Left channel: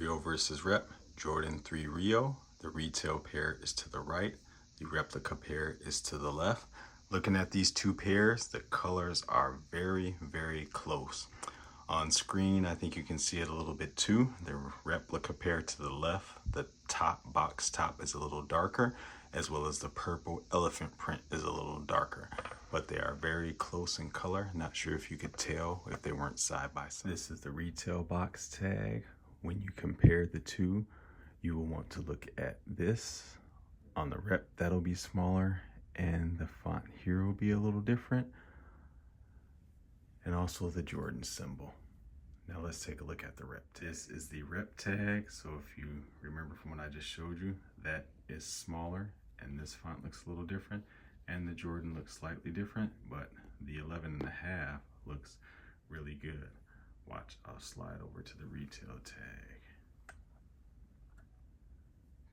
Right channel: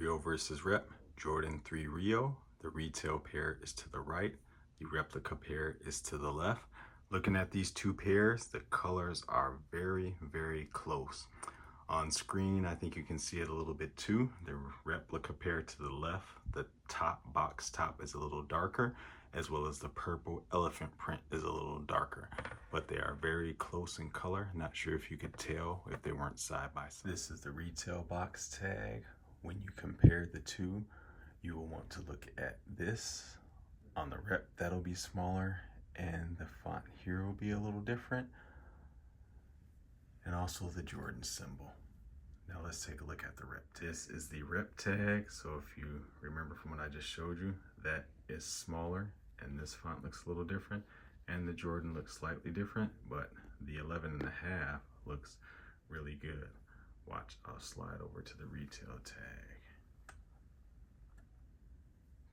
Rio versus Rep, Jordan 3 Rio. The retail pair is to the right. The replica pair is to the left. Looking at these two pairs, the colors are very, very close. On screen, I think you can see it a little bit too. The replica pair to the left, the top box top is a little darker, as well as the purple elephant print is a little darker. But they are very close in color. Not sure if you could tell if they weren't side by side. This is the retail box tag. When you compare the two, you will want to look at this. On the rep, that'll be smaller, and the font here will be a little different. And also the Jordan symbol. Now let's take a look at the rep. This is the rep tag. So if you remember from what I just showed you, that is smaller and this font looks a little different, and the Jordan looks slightly different, but the 11.5 looks really good. Watch, I'll slide over to the retail tag.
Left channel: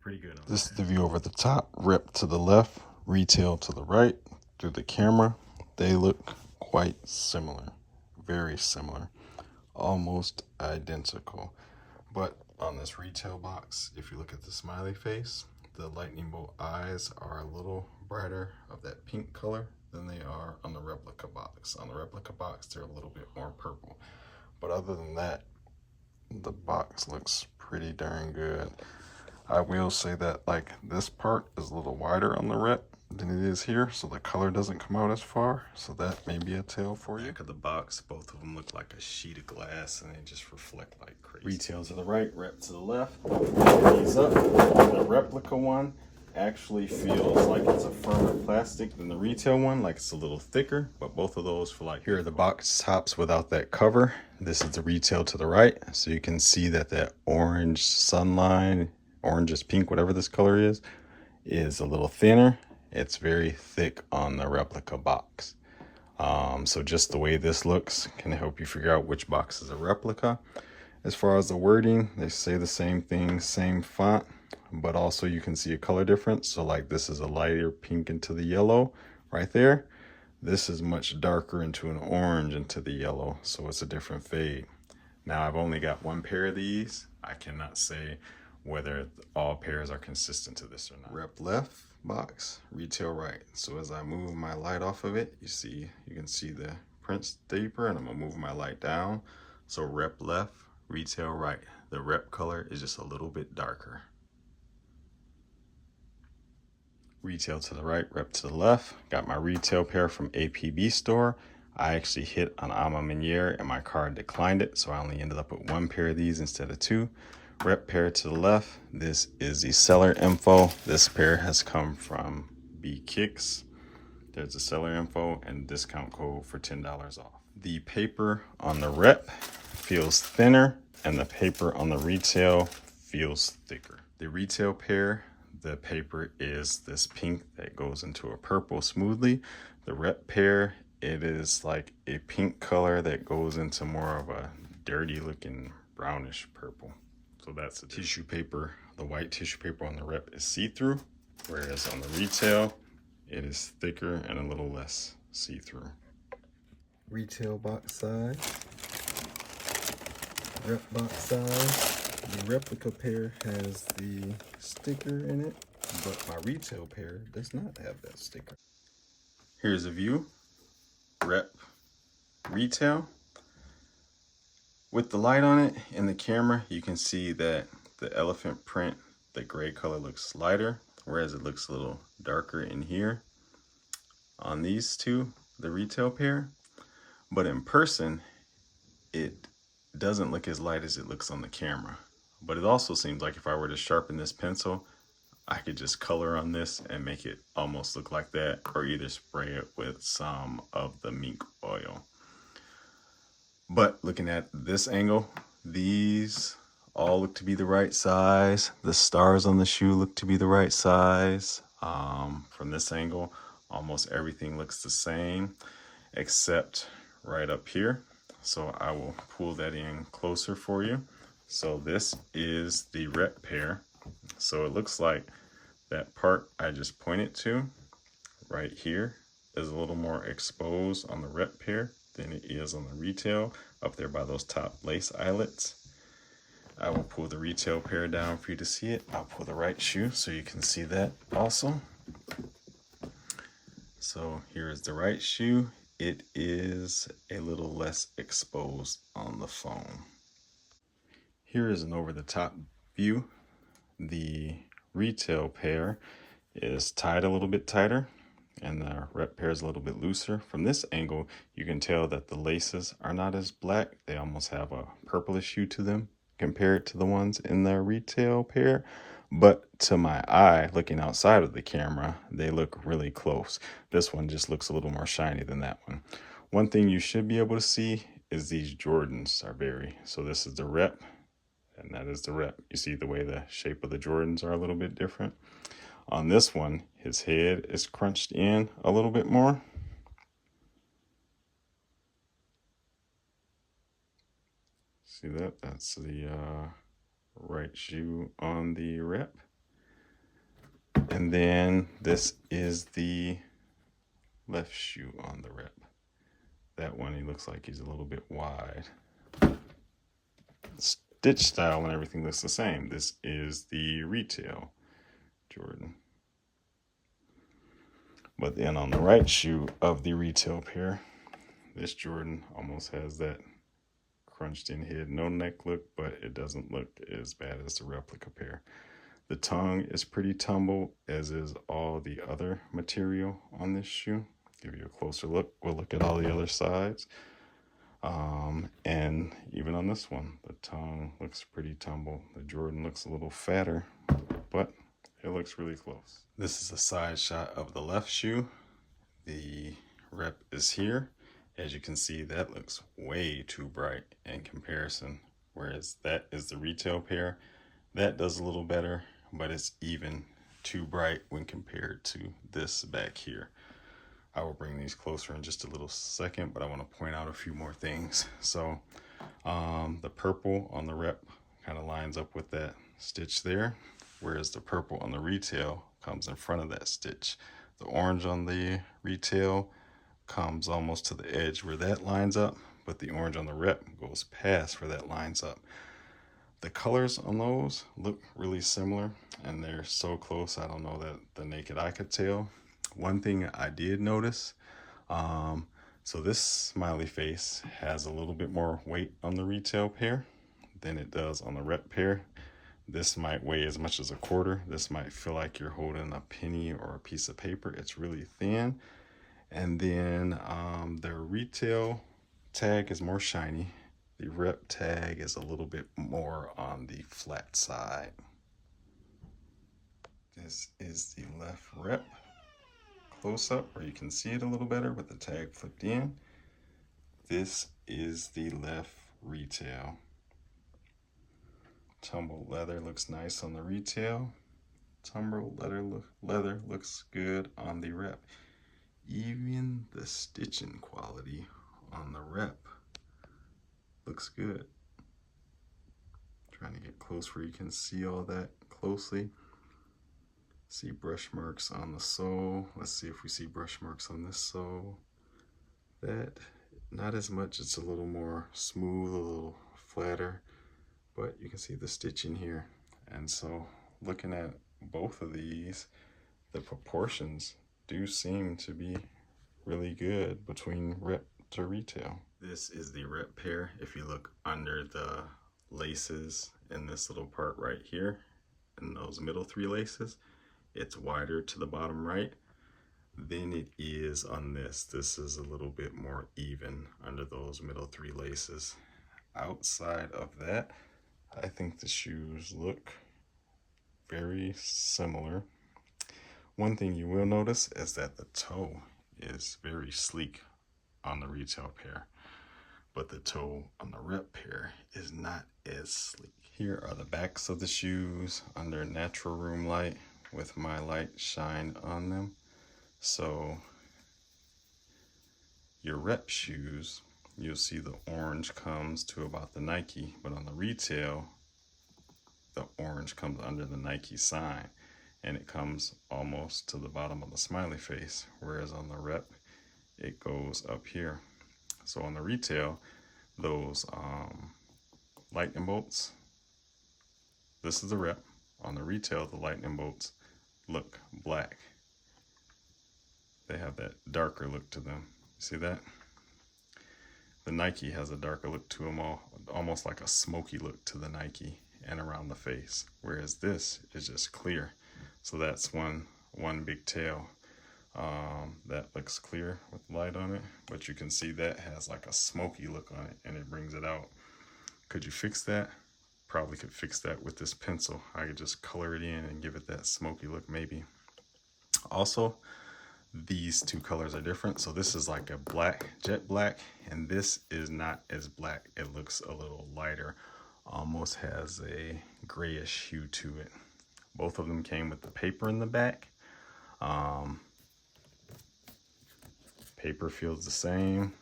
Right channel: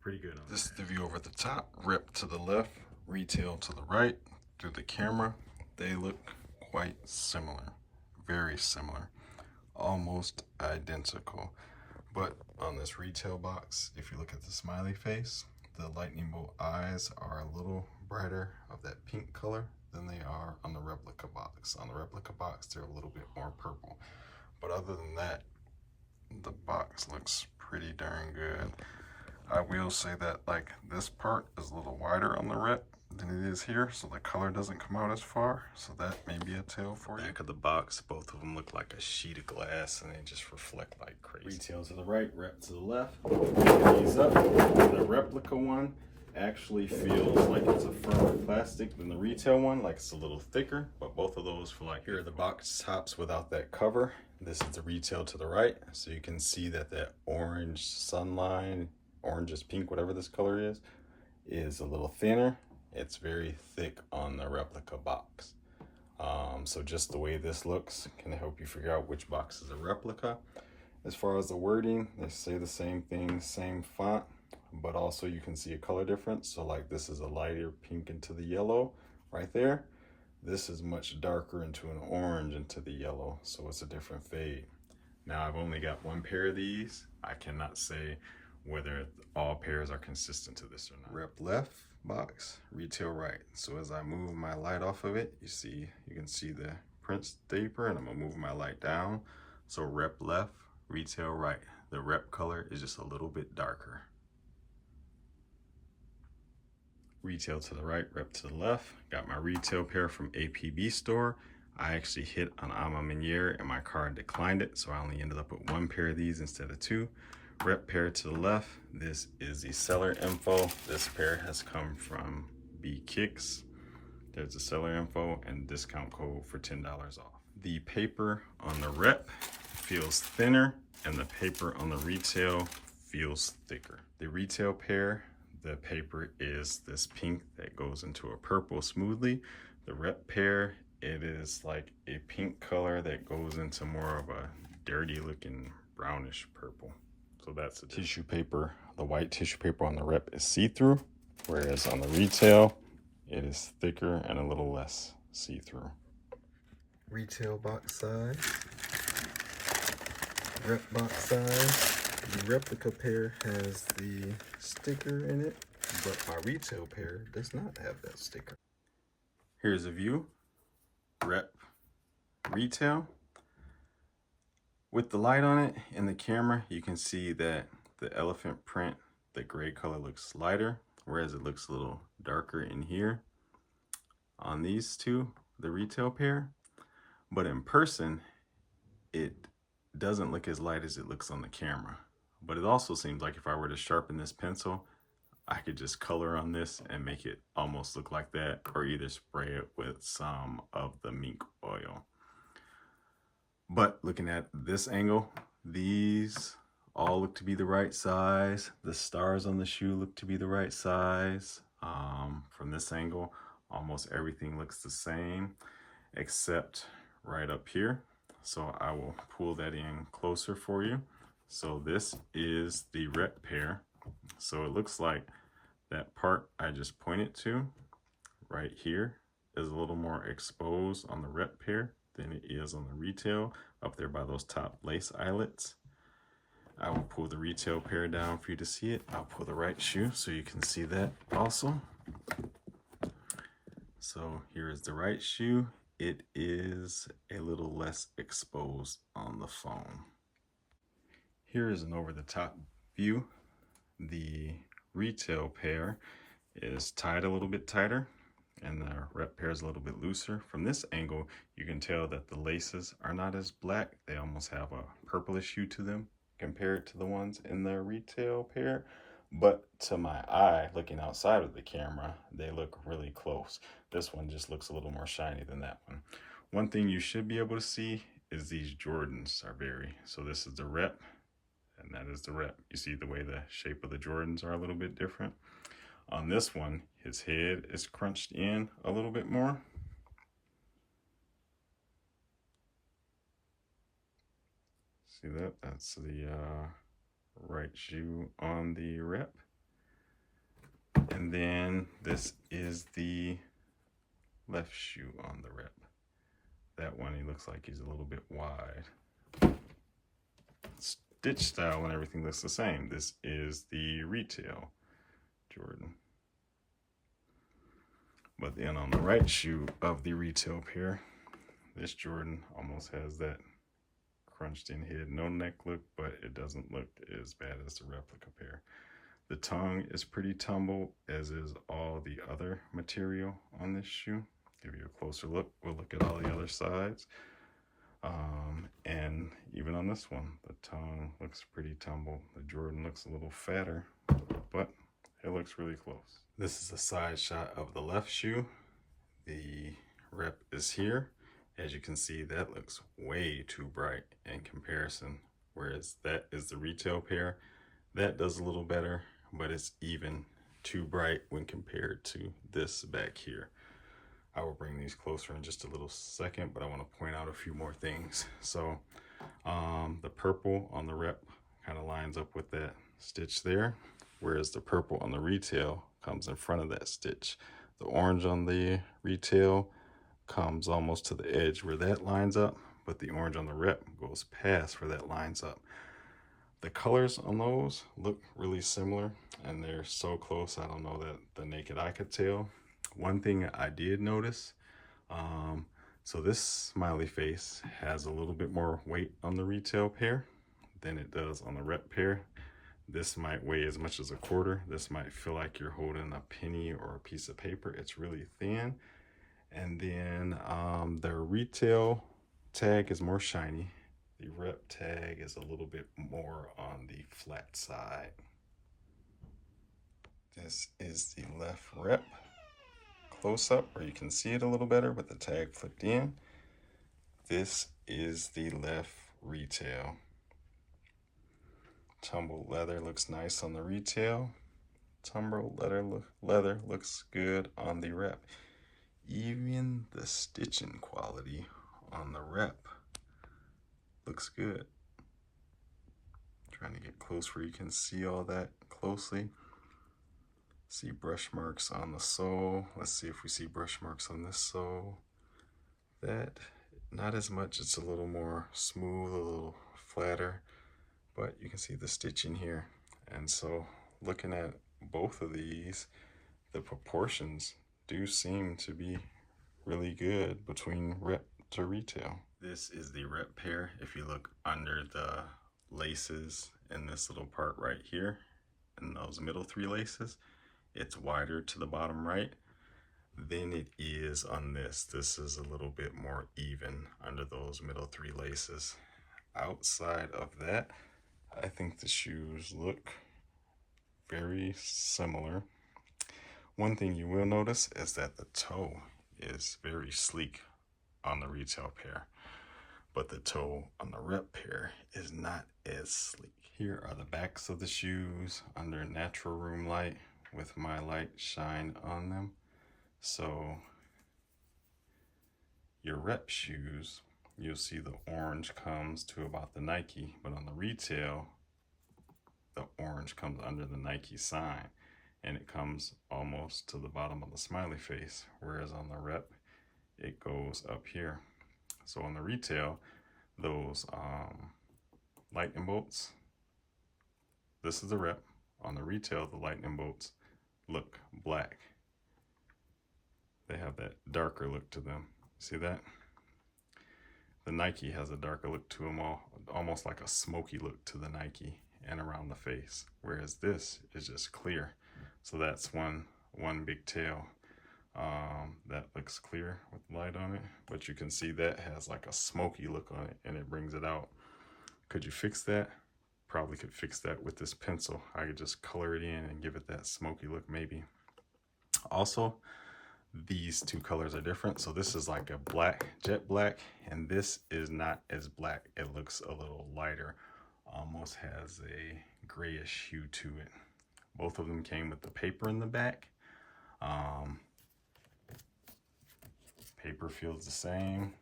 Pretty good on this. This is the view over the top, rep to the left, retail to the right. Through the camera, they look quite similar, very similar, almost identical. But on this retail box, if you look at the smiley face, the lightning bolt eyes are a little brighter of that pink color than they are on the replica box. On the replica box, they're a little bit more purple. But other than that, the box looks pretty darn good. I will say that like this part is a little wider on the rep than it is here, so the color doesn't come out as far, so that may be a tell for you. Back of the box, both of them look like a sheet of glass and they just reflect like crazy. Retail to the right, rep to the left. These up. The replica one actually feels like it's a firmer plastic than the retail one, like it's a little thicker, but both of those feel like, here are the box tops without that cover. This is the retail to the right, so you can see that that orange sunline, orange is pink, whatever this color is a little thinner. It's very thick on the replica box. So just the way this looks can help you figure out which box is a replica. As far as the wording, they say the same thing, same font, but also you can see a color difference. So like this is a lighter pink into the yellow right there. This is much darker into an orange into the yellow, so it's a different fade. Now I've only got one pair of these. I cannot say whether all pairs are consistent to this or not. Rep left box, retail right. So as I move my light off of it, you can see the prints deeper, and I'm gonna move my light down. So rep left, retail right. The rep color is just a little bit darker. Retail to the right, rep to the left. Got my retail pair from APB store. I actually hit an Ama Miniere and my card declined it, so I only ended up with one pair of these instead of two. Rep pair to the left. This is the seller info. This pair has come from B Kicks. There's the seller info and discount code for $10 off. The paper on the rep feels thinner and the paper on the retail feels thicker. The retail pair, the paper is this pink that goes into a purple smoothly. The rep pair, it is like a pink color that goes into more of a dirty looking brownish purple. So that's the tissue paper. The white tissue paper on the rep is see-through, whereas on the retail, it is thicker and a little less see-through. Retail box size, rep box size. The replica pair has the sticker in it, but my retail pair does not have that sticker. Here's a view, rep, retail. With the light on it in the camera, you can see that the elephant print, the gray color looks lighter, whereas it looks a little darker in here on these two, the retail pair. But in person, it doesn't look as light as it looks on the camera. But it also seems like if I were to sharpen this pencil, I could just color on this and make it almost look like that, or either spray it with some of the mink oil. But looking at this angle, these all look to be the right size. The stars on the shoe look to be the right size. From this angle, almost everything looks the same, except right up here. So I will pull that in closer for you. So this is the rep pair. So it looks like that part I just pointed to right here is a little more exposed on the rep pair than it is on the retail, up there by those top lace eyelets. I will pull the retail pair down for you to see it. I'll pull the right shoe so you can see that also. So here is the right shoe. It is a little less exposed on the foam. Here is an over-the-top view. The retail pair is tied a little bit tighter and the rep pair is a little bit looser. From this angle, you can tell that the laces are not as black. They almost have a purplish hue to them compared to the ones in the retail pair. But to my eye, looking outside of the camera, they look really close. This one just looks a little more shiny than that one. One thing you should be able to see is these Jordans are so this is the rep and that is the rep. You see the way the shape of the Jordans are a little bit different. On this one, his head is crunched in a little bit more. See that? That's the right shoe on the rep. And then this is the left shoe on the rep. That one, he looks like he's a little bit wide. Stitch style and everything looks the same. This is the retail Jordan. But then on the right shoe of the retail pair, this Jordan almost has that crunched in head, no neck look, but it doesn't look as bad as the replica pair. The tongue is pretty tumbled, as is all the other material on this shoe. Give you a closer look. We'll look at all the other sides. And even on this one, the tongue looks pretty tumbled. The Jordan looks a little fatter, but it looks really close. This is a side shot of the left shoe. The rep is here. As you can see, that looks way too bright in comparison, whereas that is the retail pair. That does a little better, but it's even too bright when compared to this back here. I will bring these closer in just a little second, but I want to point out a few more things. So the purple on the rep kind of lines up with that stitch there, whereas the purple on the retail comes in front of that stitch. The orange on the retail comes almost to the edge where that lines up, but the orange on the rep goes past where that lines up. The colors on those look really similar, and they're so close I don't know that the naked eye could tell. One thing I did notice, so this smiley face has a little bit more weight on the retail pair than it does on the rep pair. This might weigh as much as a quarter. This might feel like you're holding a penny or a piece of paper. It's really thin. And then the retail tag is more shiny. The rep tag is a little bit more on the flat side. This is the left rep close up where you can see it a little better with the tag flipped in. This is the left retail. Tumbled leather looks nice on the retail. Tumbled leather looks good on the rep. Even the stitching quality on the rep looks good. Trying to get close where you can see all that closely. See brush marks on the sole. Let's see if we see brush marks on this sole. That, not as much. It's a little more smooth, a little flatter, but you can see the stitching here. And so looking at both of these, the proportions do seem to be really good between rep to retail. This is the rep pair. If you look under the laces in this little part right here, in those middle three laces, it's wider to the bottom right than it is on this. This is a little bit more even under those middle three laces. Outside of that, I think the shoes look very similar. One thing you will notice is that the toe is very sleek on the retail pair, but the toe on the rep pair is not as sleek. Here are the backs of the shoes under natural room light with my light shine on them. So your rep shoes, you'll see the orange comes to about the Nike, but on the retail, the orange comes under the Nike sign and it comes almost to the bottom of the smiley face, whereas on the rep, it goes up here. So on the retail, those lightning bolts this is the rep. On the retail, the lightning bolts look black. They have that darker look to them. See that? The Nike has a darker look to them, almost like a smoky look to the Nike and around the face, whereas this is just clear. So that's one big tail that looks clear with light on it, but you can see that has like a smoky look on it and it brings it out. Could you fix that? Probably could fix that with this pencil. I could just color it in and give it that smoky look maybe. Also, these two colors are different. So this is like a black, jet black, and this is not as black. It looks a little lighter, almost has a grayish hue to it. Both of them came with the paper in the back. Paper feels the same.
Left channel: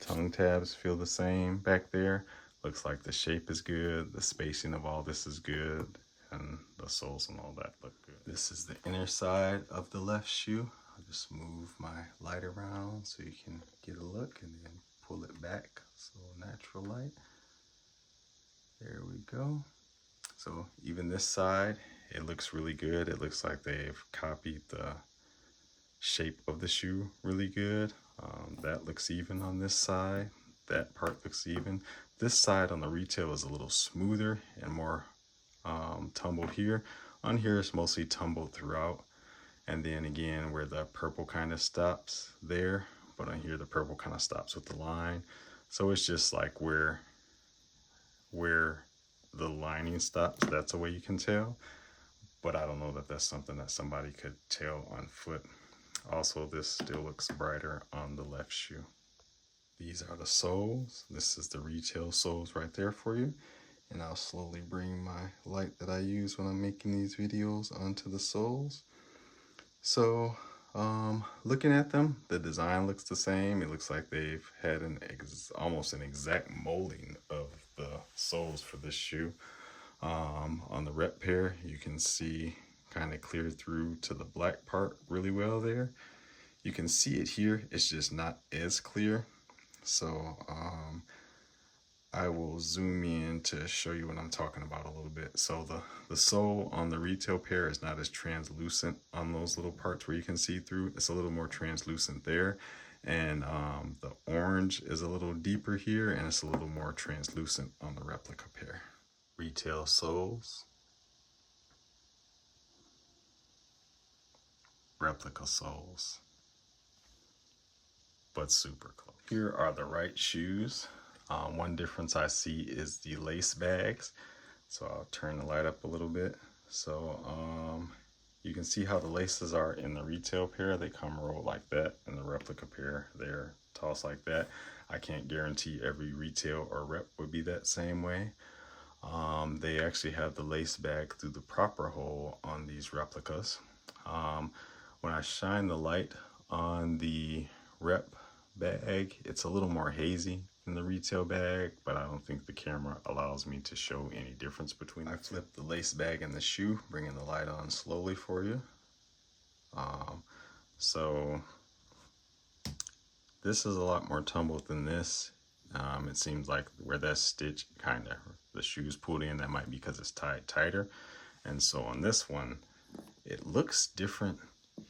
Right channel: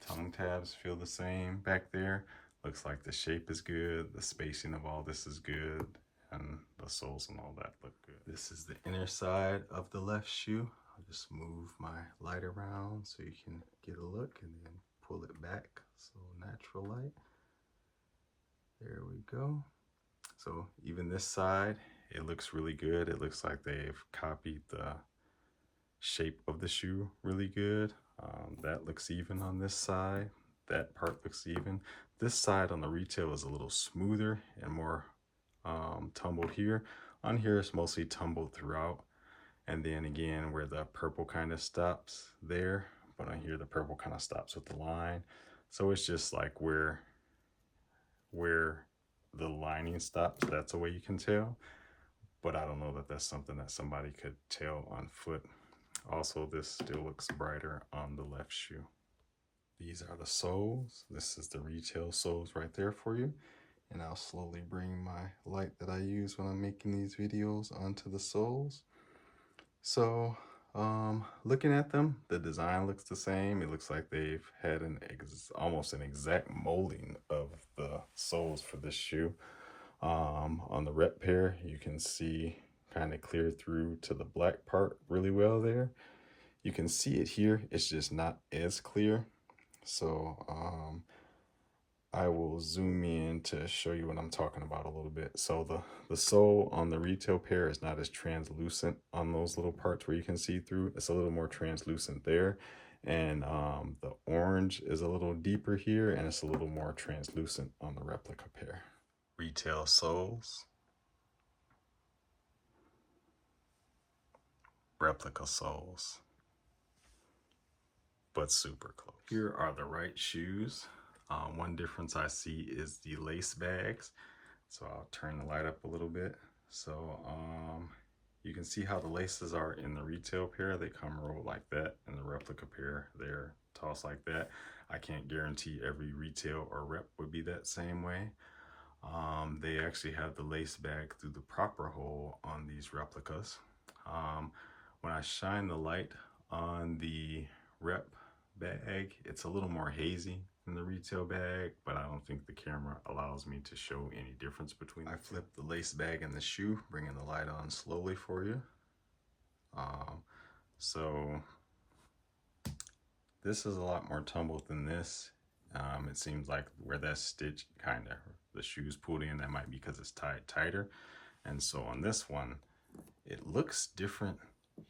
Tongue tabs feel the same back there. Looks like the shape is good. The spacing of all this is good. And the soles and all that look good. This is the inner side of the left shoe. I'll just move my light around so you can get a look and then pull it back. So natural light. There we go. So even this side, it looks really good. It looks like they've copied the shape of the shoe really good. That looks even on this side. That part looks even. This side on the retail is a little smoother and more tumbled here. On here it's mostly tumbled throughout, and then again where the purple kind of stops there, but on here the purple kind of stops with the line. So it's just like where the lining stops, that's a way you can tell, but I don't know that that's something that somebody could tell on foot. Also, this still looks brighter on the left shoe. These are the soles. This is the retail soles right there for you. And I'll slowly bring my light that I use when I'm making these videos onto the soles. So looking at them, the design looks the same. It looks like they've had almost an exact molding of the soles for this shoe. On the rep pair, you can see kind of clear through to the black part really well there. You can see it here, it's just not as clear. So I will zoom in to show you what I'm talking about a little bit. So the sole on the retail pair is not as translucent on those little parts where you can see through. It's a little more translucent there. And the orange is a little deeper here, and it's a little more translucent on the replica pair. Retail soles. Replica soles. But super close. Here are the right shoes. One difference I see is the lace bags. So I'll turn the light up a little bit. So you can see how the laces are in the retail pair. They come rolled like that. In the replica pair, they're tossed like that. I can't guarantee every retail or rep would be that same way. They actually have the lace bag through the proper hole on these replicas. When I shine the light on the rep bag, it's a little more hazy in the retail bag, but I don't think the camera allows me to show any difference between them. I flipped the lace bag in the shoe, bringing the light on slowly for you. So this is a lot more tumbled than this. It seems like where that stitch kind of, the shoe's pulled in, that might be because it's tied tighter. And so on this one, it looks different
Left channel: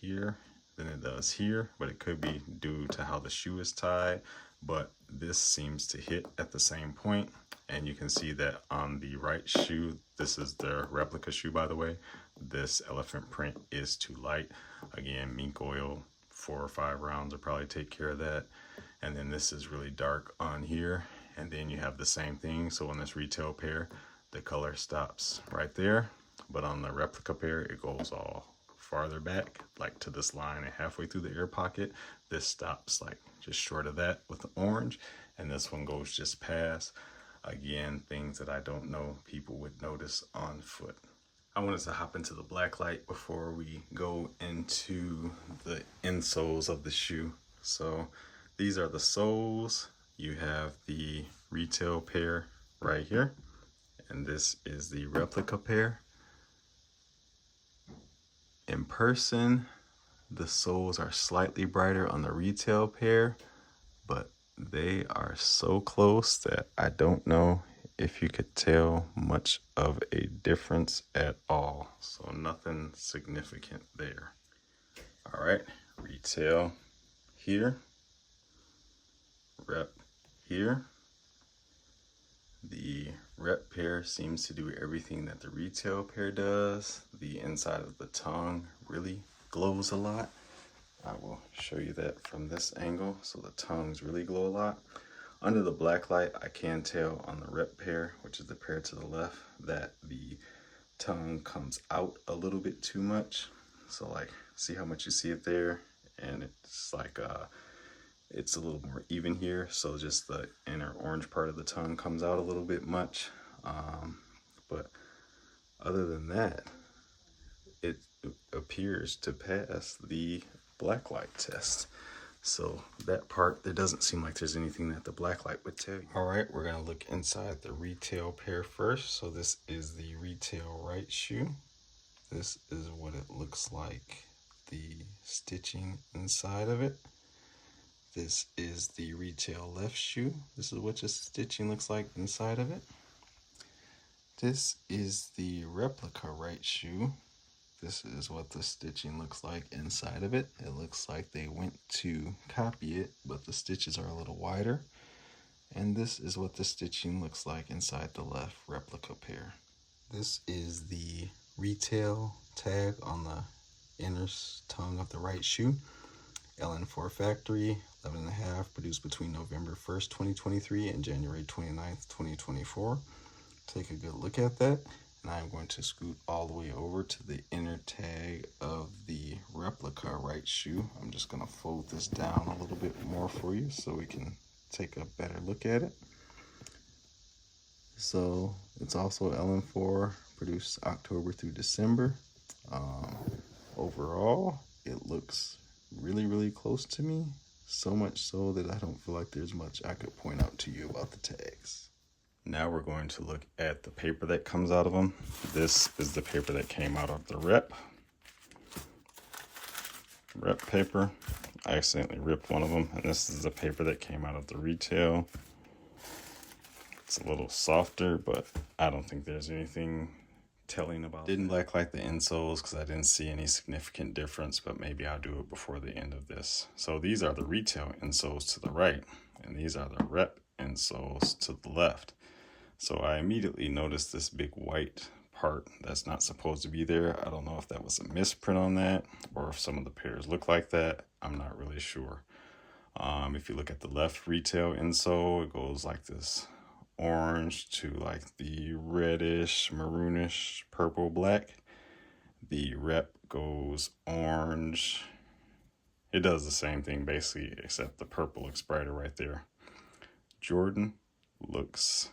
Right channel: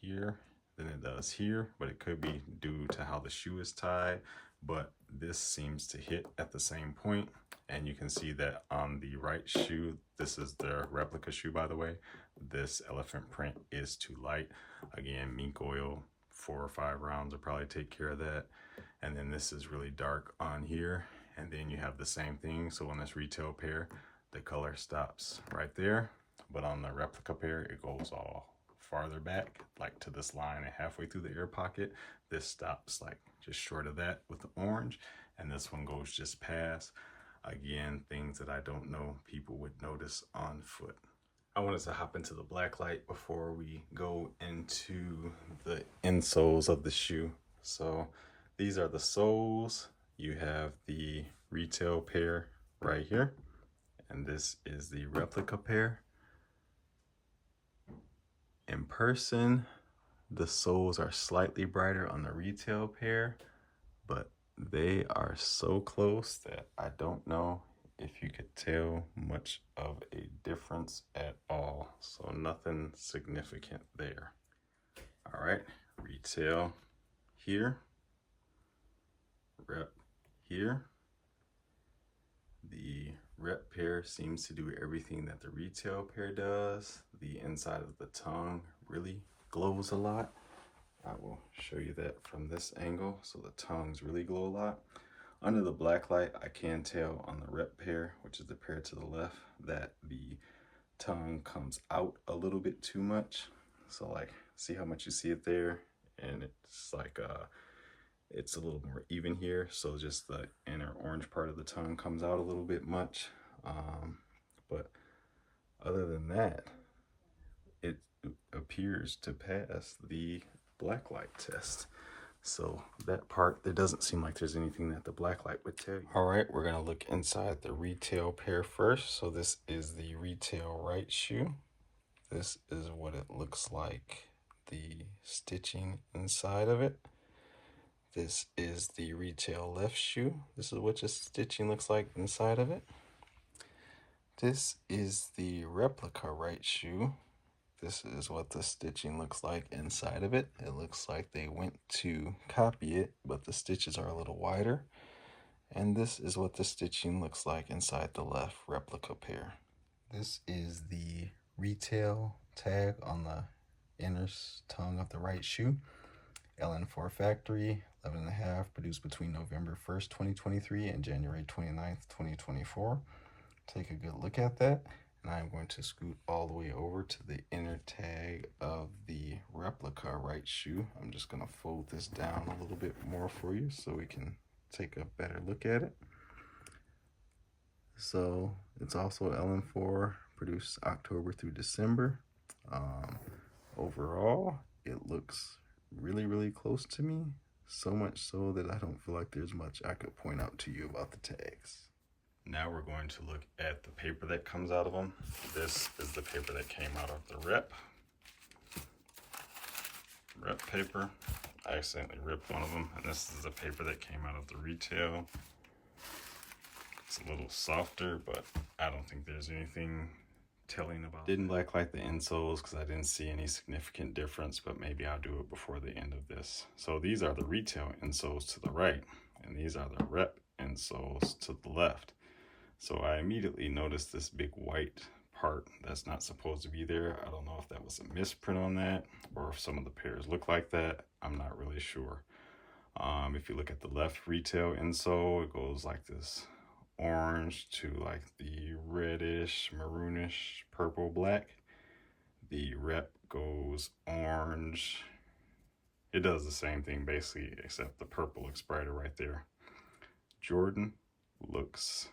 here than it does here, but it could be due to how the shoe is tied. But this seems to hit at the same point, and you can see that on the right shoe, this is the replica shoe by the way, this elephant print is too light. Again, mink oil, 4 or 5 rounds will probably take care of that. And then this is really dark on here, and then you have the same thing. So on this retail pair, the color stops right there, but on the replica pair, it goes all farther back, like to this line and halfway through the air pocket. This stops like just short of that with the orange, and this one goes just past. Again, things that I don't know people would notice on foot. I wanted to hop into the black light before we go into the insoles of the shoe. So these are the soles. You have the retail pair right here, and this is the replica pair. In person, the soles are slightly brighter on the retail pair, but they are so close that I don't know if you could tell much of a difference at all. So nothing significant there. All right, retail here, rep here. The rep pair seems to do everything that the retail pair does. The inside of the tongue really glows a lot. I will show you that from this angle. So the tongues really glow a lot. Under the black light, I can tell on the rep pair, which is the pair to the left, that the tongue comes out a little bit too much. So like, see how much you see it there? And it's like, it's a little more even here. So just the inner orange part of the tongue comes out a little bit much. But other than that, it appears to pass the black light test. So that part, there doesn't seem like there's anything that the black light would tell you. All right, we're gonna look inside the retail pair first. So this is the retail right shoe. This is what it looks like, the stitching inside of it. This is the retail left shoe. This is what the stitching looks like inside of it. This is the replica right shoe. This is what the stitching looks like inside of it. It looks like they went to copy it, but the stitches are a little wider. And this is what the stitching looks like inside the left replica pair. This is the retail tag on the inner tongue of the right shoe. LN4 factory, 11.5, produced between November 1st, 2023 and January 29th, 2024. Take a good look at that. And I'm going to scoot all the way over to the inner tag of the replica right shoe. I'm just going to fold this down a little bit more for you so we can take a better look at it. So it's also LN4, produced October through December. Overall, it looks really, really close to me. So much so that I don't feel like there's much I could point out to you about the tags. Now we're going to look at the paper that comes out of them. This is the paper that came out of the rep paper. I accidentally ripped one of them, and this is the paper that came out of the retail. It's a little softer, but I don't think there's anything telling about it. Didn't black light the insoles because I didn't see any significant difference, but maybe I'll do it before the end of this. So these are the retail insoles to the right, and these are the rep insoles to the left. So I immediately noticed this big white part that's not supposed to be there. I don't know if that was a misprint on that or if some of the pairs look like that. I'm not really sure. If you look at the left retail insole, it goes like this orange to like the reddish, maroonish, purple, black. The rep goes orange. It does the same thing basically, except the purple looks brighter right there. Jordan looks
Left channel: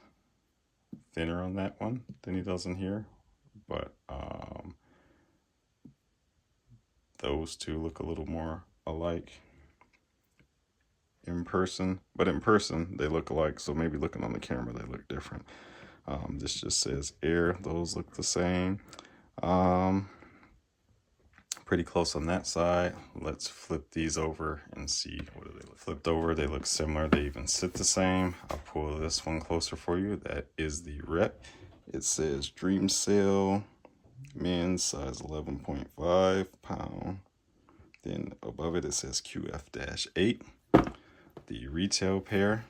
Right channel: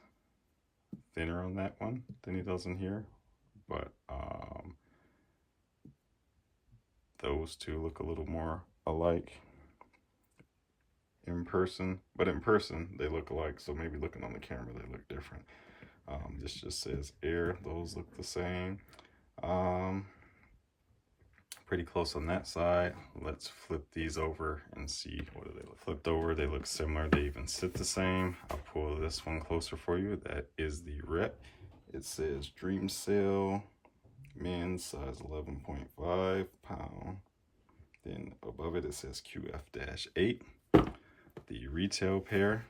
thinner on that one than he does in here, but those two look a little more alike in person, but in person they look alike, so maybe looking on the camera they look different. This just says Air. Those look the same. Pretty close on that side. Let's flip these over and see what do they look. Flipped over, they look similar. They even sit the same. I'll pull this one closer for you. That is the rep. It says Dream Sale, men's size 11.5 pound. Then above it, it says QF-8. The retail pair,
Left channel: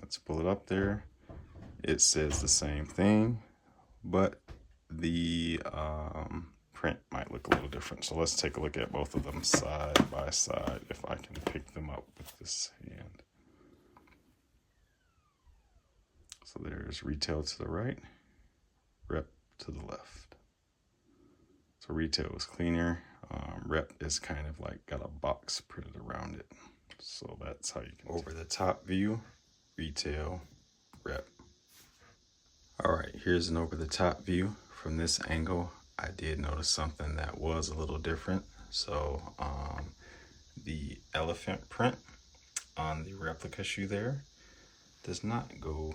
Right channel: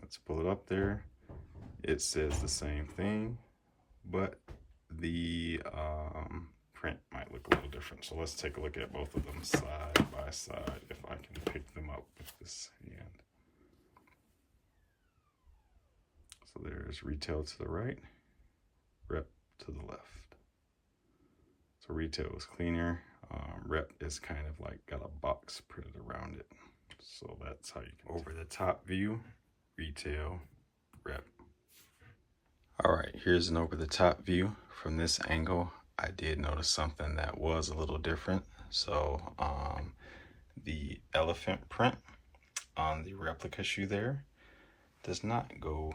let's pull it up there. It says the same thing, but the print might look a little different. So let's take a look at both of them side by side if I can pick them up with this hand. So there's retail to the right, rep to the left. So retail is cleaner. Rep is kind of like got a box printed around it. So that's how you can over the top view, retail, rep. All right, here's an over the top view. From this angle, I did notice something that was a little different. So the elephant print on the replica shoe there does not go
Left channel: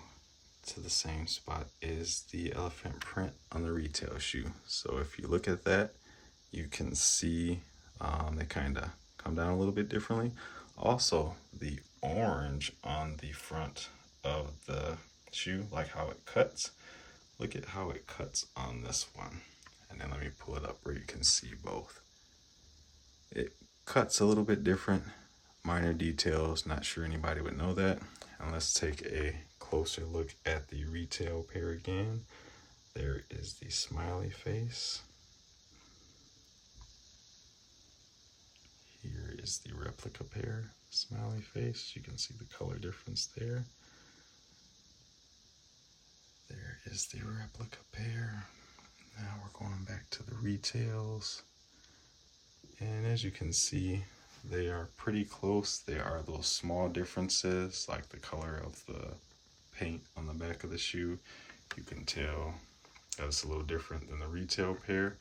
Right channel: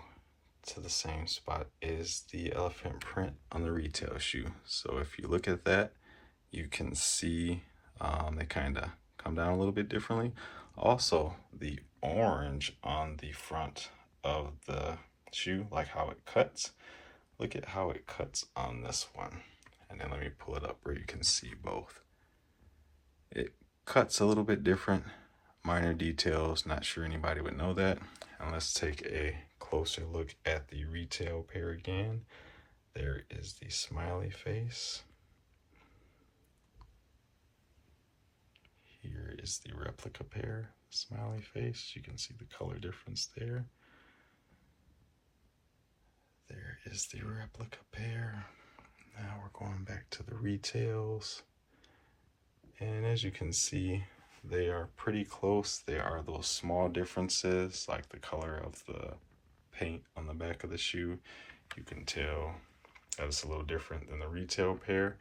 to the same spot as the elephant print on the retail shoe. So if you look at that, you can see they kind of come down a little bit differently. Also, the orange on the front of the shoe, like how it cuts. Look at how it cuts on this one. And then let me pull it up where you can see both. It cuts a little bit different, minor details, not sure anybody would know that. And let's take a closer look at the retail pair again. There is the smiley face. Here is the replica pair, smiley face. You can see the color difference there. There is the replica pair. Now we're going back to the retails. And as you can see, they are pretty close. There are those small differences, like the color of the paint on the back of the shoe. You can tell that it's a little different than the retail pair.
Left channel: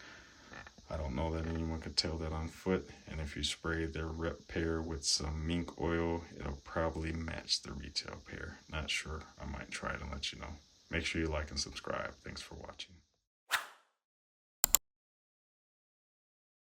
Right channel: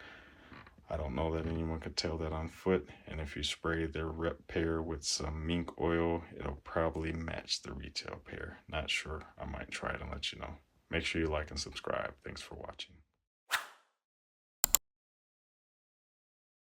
I don't know that anyone could tell that on foot. And if you spray their rep pair with some mink oil, it'll probably match the retail pair. Not sure. I might try it and let you know. Make sure you like and subscribe. Thanks for watching.